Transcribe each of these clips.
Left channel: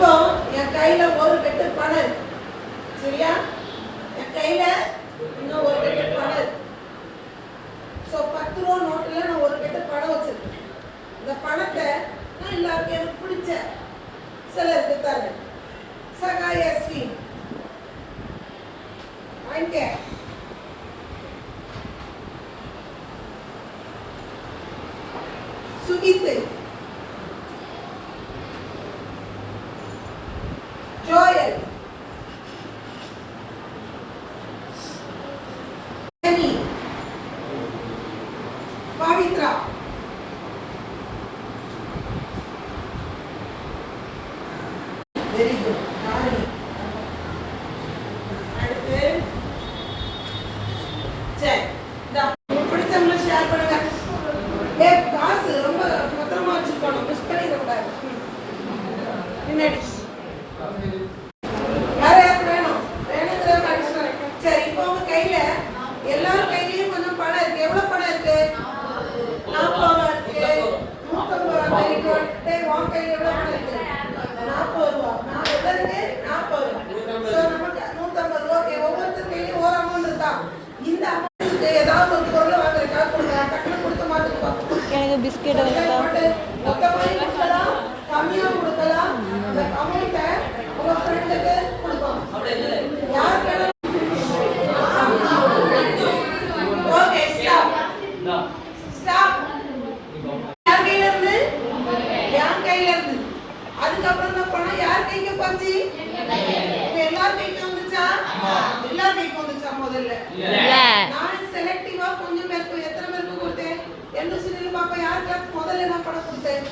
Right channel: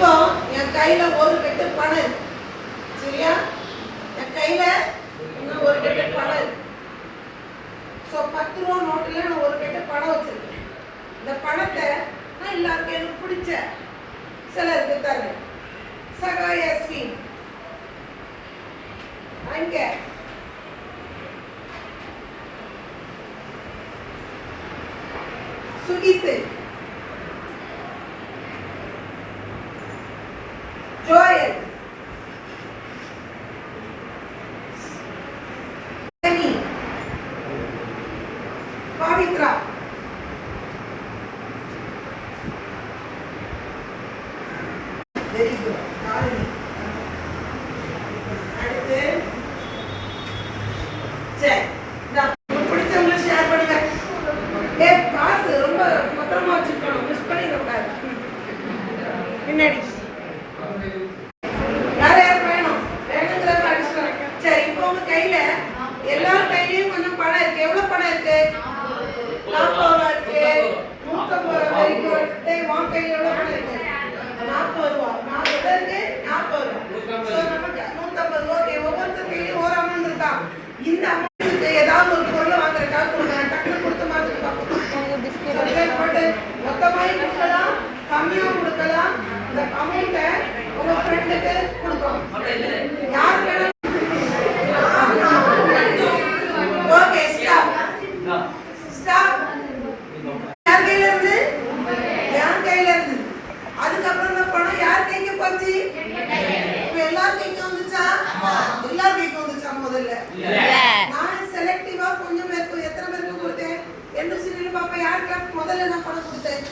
இப்போ என் கையில ஒரு கட்டு பணம் இருக்கு, சரியா? என் கையில இன்னும் ஒரு கட்டு பணம் இருக்கு. ஸோ 10 ரூபா நோட்டில் நான் ஒரு கட்டு பணம் வச்சிருக்கேன். இந்த பணத்தை நான் எல்லாருக்கும் எனக்கு பிடிச்ச சிலருக்கு தரேன். சகாய ஸ்கீம் அங்க சுகித்து, ஜோயல், பவித்ரா, வெரி குட். அடுத்து சரி, பிடிச்சவங்களை ஷேர் பண்ணுங்க. காசு ரொம்ப மொத்தமா வச்சுக்கணும், மிஸ் பண்ணிடக்கூடாது. பின்னாடி வேற யாருக்கு வேணும்? வேணுங்கிறவங்க அடிச்சுட்டு. சரி, இப்போ உங்க கையில எல்லார் கையிலயும் கொஞ்சம் பணம் இருக்கு. எவ்வளவு பணம் இருக்கு? 40 ரூபா இருக்கு, 150 ரூபா இருக்கு. உன் கையில எவ்வளவு பணம் இருக்கு? 40 ரூபா. 40 இருக்கு, 40 ரூபா. சோ நமக்கு 150 ரூபா. ஒவ்வொருத்தர் கையிலயும் ஒரு அமௌண்ட் இருக்கா? இந்த அமௌண்ட்டுக்கு ஏதாவது ஒரு பொருள் வாங்குறதுக்காக கொடுக்கலாம். டக்குனு கொடுத்து மாத்துக்கு பார்ப்போம். மொத்தமாய் கொடுக்கலாம், கம்மியா கொடுக்கலாம். இந்த அமௌண்ட்டை உங்க ஃப்ரெண்டுக்கு கொடுக்கணும். யார் வேணும்? Okay, stop stop. யார் கையில இருந்து? என் கையில இருந்து. அதுக்கப்புறம் இந்த பணம் யார் கைக்கு போச்சு? எல்லார் கைக்கு வந்துச்சா? எல்லார் கைக்கு வந்துச்சா? முதல்ல நான் செலக்டிவா கொஞ்சம் பேருக்கு, எத்தனை பேருக்கு கொடுத்தேன்? என்ன சொல்லி பாப்பா, யாருக்கெல்லாம் முதல்ல நான் பணம் கொடுத்தேன்?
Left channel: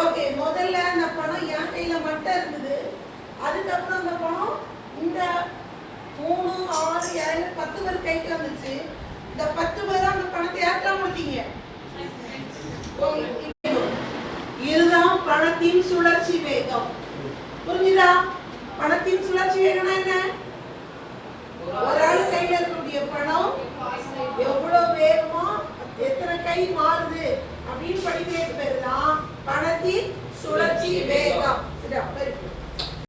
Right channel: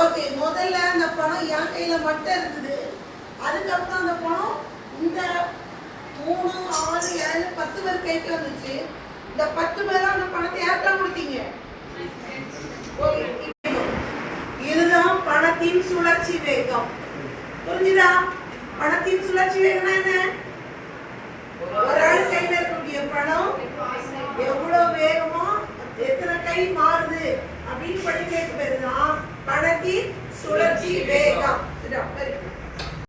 ஓகே, முதல்ல அந்த பணம் என் கையில மட்டும் இருந்தது. அதுக்கப்புறம் அந்த பணம் இந்த 3, 6, 7, 10 பேர் கைக்கு வந்துச்சு. இந்த 10 பேரும் அந்த பணத்தை யாருக்கெல்லாம் கொடுத்தீங்க? இதுதான் பணத்தின் சுழற்சி வேகம். புரிஞ்சுதா? பணத்தின் சுழற்சி வேகம்னா என்ன? ஒரு ஆள் கையில இருக்கக்கூடிய பணம் எவ்வளவு வேகமா எத்தனை கை மாறுது அப்படின்னு படிக்கிறதுக்கு பேருதான் பணத்தின் சுழற்சி வேகம்.